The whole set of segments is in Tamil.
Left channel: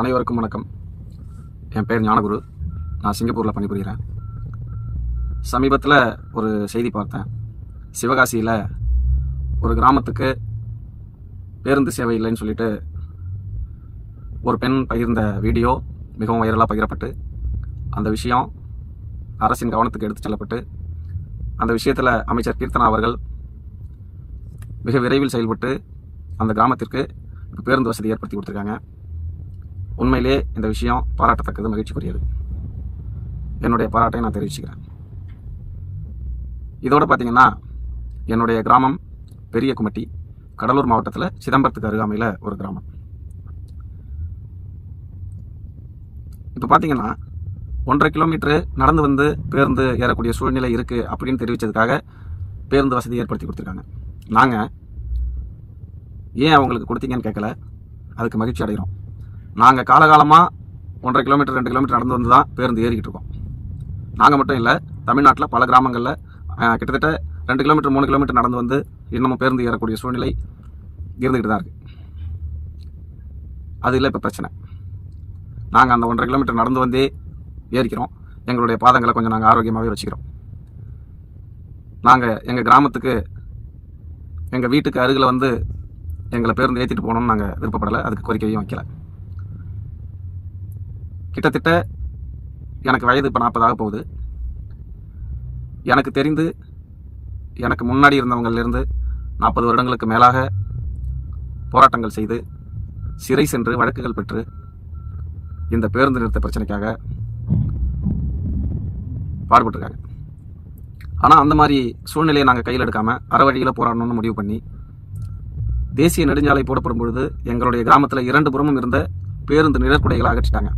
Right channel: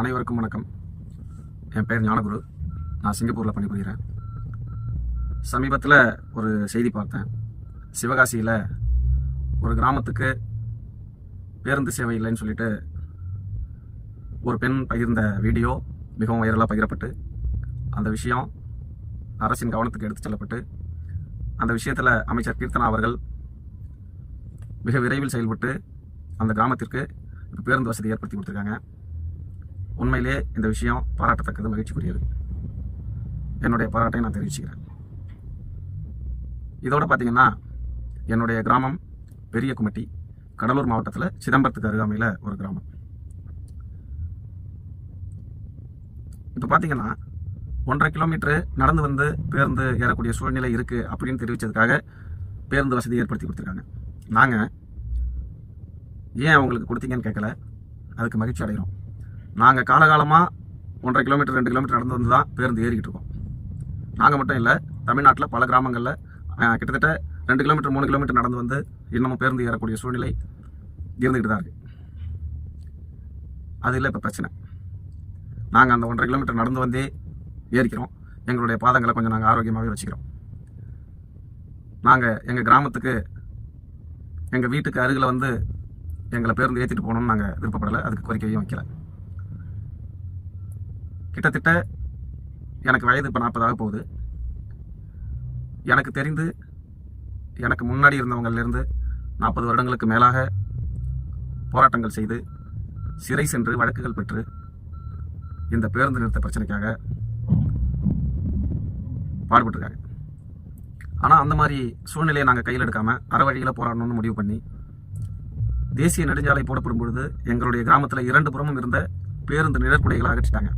அனைவருக்கும் வணக்கம். என் பேர் ஞானகுரு. நான் சிங்கப்பூரில் பணிபுரிகிறேன். சமீபத்தில் ஒரு செய்தி பார்த்தேன். சிவகாசியில் ஒரு கிராமத்துக்கு பேருந்து சேவை இல்லைன்னு சொல்லிட்டு ஒரு பெண் பகிர்ந்த வீடியோ மிகவும் வைரலாக பகிரப்பட்டு அந்த விஷயம் அரசின் கவனத்துக்கு எடுத்து செல்லப்பட்டு அந்த விஷயத்தில் அமைச்சர் கீர்த்தனா அவர்கள் மிக விரைவில் செயல்பட்டு அந்த கிராமத்திற்கு இப்போ பேருந்து வசதி ஏற்படுத்தி கொடுத்துருக்காங்க. உண்மையிலே இந்த விஷயம் பாராட்டத்தக்கது, மகிழ்ச்சிக்குரியது. என்னுடைய பாராட்டை நான் தெரிவிச்சுக்கிறேன். இதோட பார்த்தீங்கன்னா, என்னுடைய கிராமம் பெரிய குமட்டி, கடலூர் மாவட்டத்தில் சிதம்பரத்துக்கு அருகாமையில் ஒரு கிராமம். இப்போ பார்த்தீங்கன்னா 1.5 கிலோமீட்டரு நடந்து வந்து பேருந்து ஏறக்கூடிய சூழ்நிலை இருக்குது அப்படின்னு தெரிவித்ததுக்காக பேருந்து வசதி ஏற்படுத்தி கொடுத்துருக்காங்க. நாங்கள் ஏன் அவங்களுக்கு கொடுத்தீங்கன்னு கேட்கல, அதுக்கு மகிழ்ச்சி அடைகிறோம். நாங்கள் காலகாலமாக 1.5 கிலோமீட்டர் 2 கிலோமீட்டர் நடந்து வந்து தான் பேருந்து ஏறிக்கிட்டு இருக்கோம். நாங்கள் மட்டும் இல்லை, தமிழ்நாட்டில் பல கிராமங்களில் கிட்டத்தட்ட 2 கிலோமீட்டர் 3 கிலோமீட்டர் நடந்து வந்து இன்னமும் பேருந்து ஏறக்கூடிய சூழ்நிலை இருந்துக்கிட்டு தான் இருக்குது. அது இல்லை இப்போ பிரச்சனை. நாங்கள் அந்த 1.5 கிலோமீட்டர் நடந்து வந்தே ஏறிக்கிறோம். எங்களுடைய பாதங்களை கொஞ்சம் நாங்கள் ஆரோக்கியமாகவே வச்சுக்கிறோம். நாங்கள் எங்கள் கிராமத்துக்கு எங்கள் வீட்டுக்கு அருகில் வந்து எங்களை பேருந்து ஏற்றிட்டு போகணும்னு நாங்கள் விருப்பப்படலை, அதுக்கு கோரிக்கையும் வைக்கல. கிட்டத்தட்ட எனக்கு வயது இப்போ 40 ஆக போகுது. எனக்கு தெரிந்து எனக்கு முன்னாடி இருந்தவங்களிலிருந்து 40 வருடங்களுக்கு மேலாக போராட்டங்கள் செய்து சிறை சென்று வழக்குகள் பெற்று இந்த பேருந்து நிறுத்த பிரச்சனைக்காக பாடுபட்டுருக்காங்க. ஆனால் அந்த மாதிரி சூழ்நிலையை நாங்கள் கையில் எடுக்காமல் அறவழியில் போராடணும்னு முடிவு பண்ணி தேசிய நெடுஞ்சாலை போடப்படும் பொழுது எங்களுடைய கிராமத்தில் 2 புறமும் இருந்த பேருந்து நிழற்குடைகளை அகற்றிட்டாங்க.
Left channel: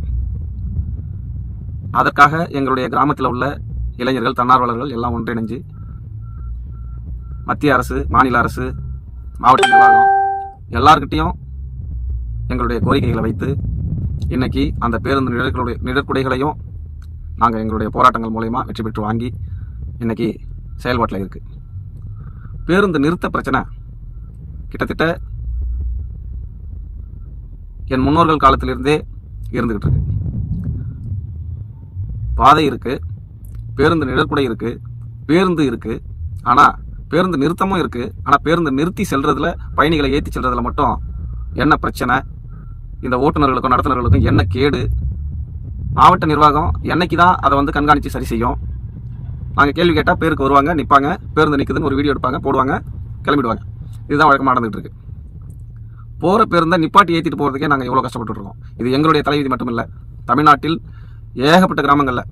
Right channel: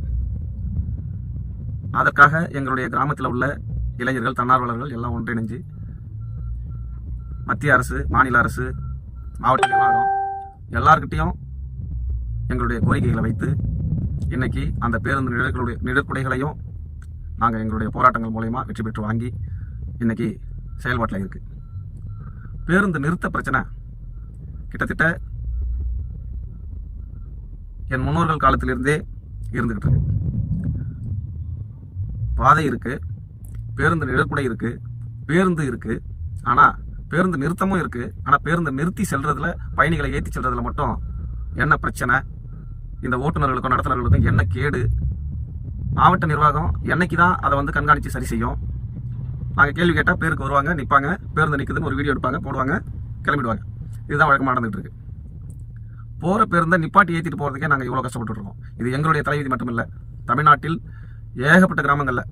அதற்காக எங்களுடைய கிராமத்தில் உள்ள இளைஞர்கள், தன்னார்வலர்கள் எல்லாம் ஒன்றிணைஞ்சு மத்திய அரசு, மாநில அரசு, மாவட்ட நிர்வாகம் எல்லார்கிட்டையும் எங்களுடைய கோரிக்கைகளை வைத்து இன்னைக்கு அந்த பேருந்து நிழற்குடைகளையும் நாங்கள் எங்களுடைய போராட்டங்கள் மூலயமா வெற்றி பெற்று வாங்கி இன்னைக்கு செயல்பாட்டில் இருக்குது. பேருந்து நிறுத்த பிரச்சனை கிட்டத்தட்ட என் முன்னோர்கள் காலத்திலிருந்தே இருந்துகிட்டு இருக்கு. பாதை இருக்குது, பேருந்து நிழற்குடை இருக்குது, பேருந்து இருக்குது, ஆனால் பேருந்து நிறுத்தமும் இருக்குது. ஆனால் பேருந்து நிறுத்தி செல்றதுல, பயணிகளை ஏற்றி செல்றதுல மட்டும் என்ன பிரச்சனை, இந்த ஓட்டுநர்களுக்கும் நடத்துனர்களுக்கும் என்ன கேடு, மாவட்ட நிர்வாகம் என்னைக்கு தான் அதை வந்து கண்காணித்து சரி செய்யும்? நாங்கள் கேள்வி கேட்டால் பேருக்கு வருவாங்க, நிற்பாங்க, பேருந்து நிற்குதுன்னு ஒரு வீடியோ எடுப்பாங்க, போடுவாங்க, கிளம்பிடுவாங்க. இதுதான் வழக்கமாக நடந்துகிட்டு இருக்கு. போகிற பேருந்தை நிப்பாட்டி ஏற்றிட்டு போகிறதுக்கே நாங்கள் எவ்வளோ கஷ்டப்பட்டு இருக்கோம். இது எங்களுடைய தலைவிதி மட்டும் இல்லை, தமிழ்நாட்டில் ஏகப்பட்ட கிராமங்களில்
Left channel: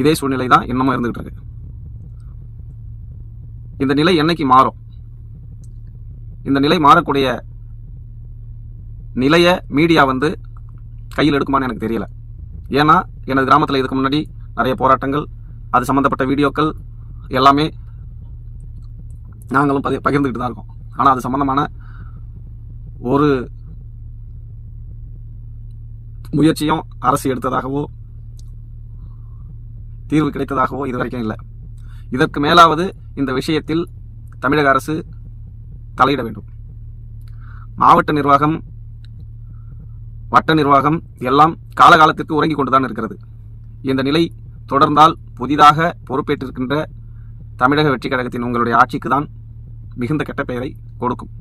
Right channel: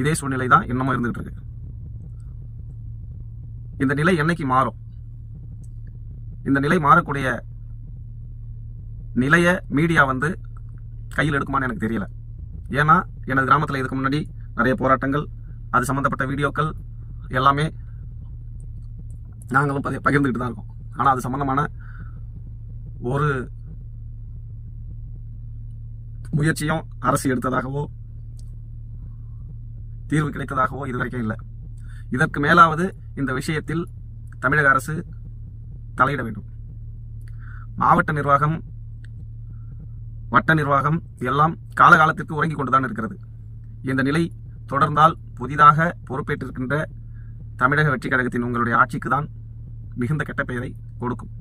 இதே சூழ்நிலை தான் இன்னமும் இருந்துகிட்டு இருக்கு. இந்த நிலை என்னைக்கு மாறும்? இந்த நிலை மாறக்கூடிய நிலையை மீடியா வந்து கையில் எடுக்குமான்னு எனக்கு தெரியல. ஏன்னா எனது கிராமத்தில் இதுக்கு முன்னாடி நிறைய போராட்டங்கள், அது சம்மந்தப்பட்ட வீடியோக்கள் எல்லாமே நாங்களும் பகிர்ந்துக்கிட்டு தான் இருக்கோம். ஆனால் அது சம்மந்தமான ஒரு முயற்சியும் அரசு எடுத்ததாகவோ தீர்வு கிடைத்ததாகவோ இது வரைக்கும் இல்லை. இதற்கு மேலாவது இந்த விஷயத்தில் தமிழக அரசு தலையிட வேண்டும். மாவட்ட நிர்வாகம், வட்ட நிர்வாகம் எல்லாம் காலகாலத்திற்கு உறங்கிக் கொண்டுதான் இருக்கிறது. இந்த நிலை தொடர்ந்தால் புதிதாக பொறுப்பேற்றிருக்கின்ற தமிழக வெற்றி கழகத்தின் உங்களுடைய ஆட்சிக்கு தான் மிகுந்த கெட்ட பெயரை கொடுக்கும்.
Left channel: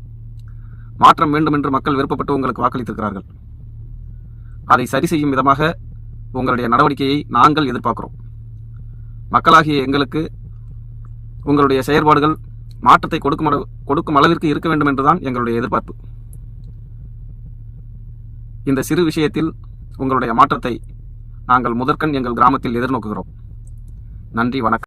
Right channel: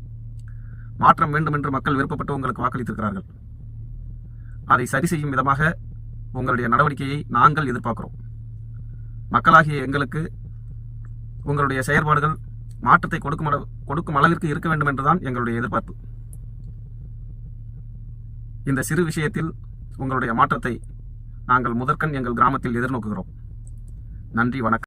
மாற்றம் வேண்டும் என்று மக்கள் விருப்பப்பட்டு உங்களுக்கு வாக்களித்திருக்கிறார்கள். அதை சரி செய்யும் விதமாக உங்களுடைய நடவடிக்கையை நாங்கள் எதிர்பார்க்கிறோம். மக்களாகிய எங்களுக்கு உங்களுடைய செயற்பாடுகள் மாற்றத்தை கொடுக்கும் அளவிற்கு இருக்க வேண்டும் என்றுதான் எங்களுடைய எதிர்பார்ப்பு. இந்த சிறு விஷயத்தில் உங்களுடைய மாற்றத்தை நாங்கள் முதற்கண் எங்கள் கிராமத்தில் எதிர்நோக்குகிறோம். நன்றி, வணக்கம்.